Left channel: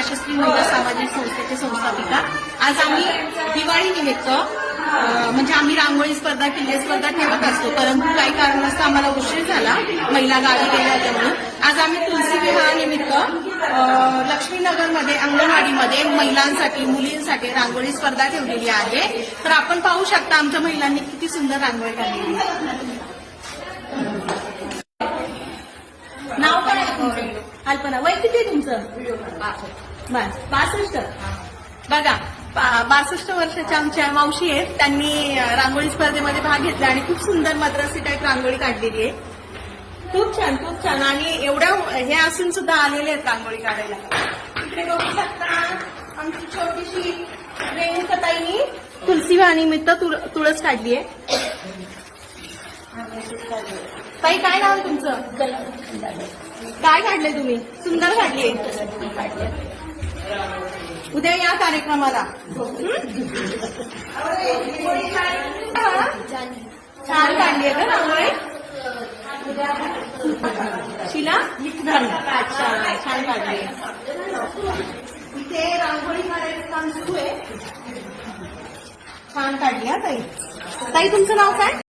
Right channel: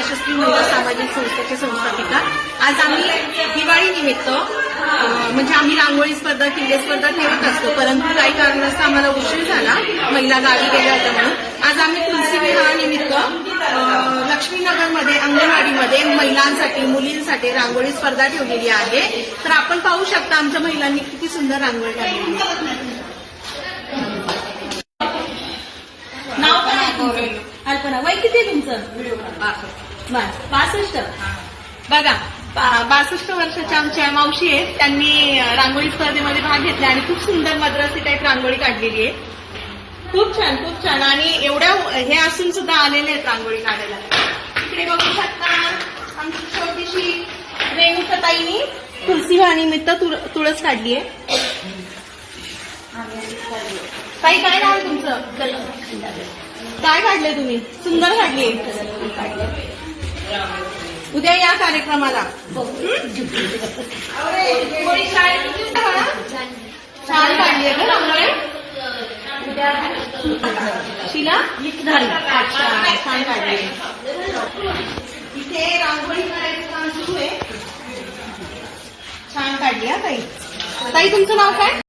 यशस्वी महिला सामाजिक संस्थेचे संस्थापिका। आज आम्ही दिवाळी निमित्त म्हणजे आम्ही रांगोळी स्पर्धा किल्ले स्पर्धा ठेवत असतो, परंतु काही कारणास्तव आम्हाला उशीर झाला, महिला गावी गेल्या होत्या म्हणून आज आम्ही तुलसी विवाहानिमित्त लक्ष्मीनगरमध्ये अंगणवाडीमध्ये महिलांसाठी मुलींसाठी रांगोळी स्पर्धा ठेवलेली आहे। तर आपण पाहू शकता आमच्या महिलांनी किती सुंदर रांगोळी काढलेली आहे। नाव काय आहे तुमचं? अल्पना। वय किती आहे तुमचं? 62। बघा 62 वर्षाच्या आमच्या मावशी आहेत, त्यांनी रांगोळी स्पर्धेमध्ये भाग घेतला आणि खूप सुंदर मद्रासी टाईप रांगोळी काढलेली आहे। खूप छान खूप छान। आणि एवढ्या हे असून सुद्धा आलेले आहेत रांगोळी काढायला। इकडे बघू शकता आमची छोटीशी रेणुकाताईंनी तुलसी विवाहानिमित्त तुळस काढली आहे। ताई काय नाव आहे तुमचं? काय काढलंय तुम्ही? सुंदर काढली। उद्या या कार्यक्रमाला। छान काढली आहे का रांगोळी? शिला अच्छा छान काढली। इथे रांगोळी काढायचं काम सुरू आहे। छान काढली हा ताई। ताई तुमचं नाव काय?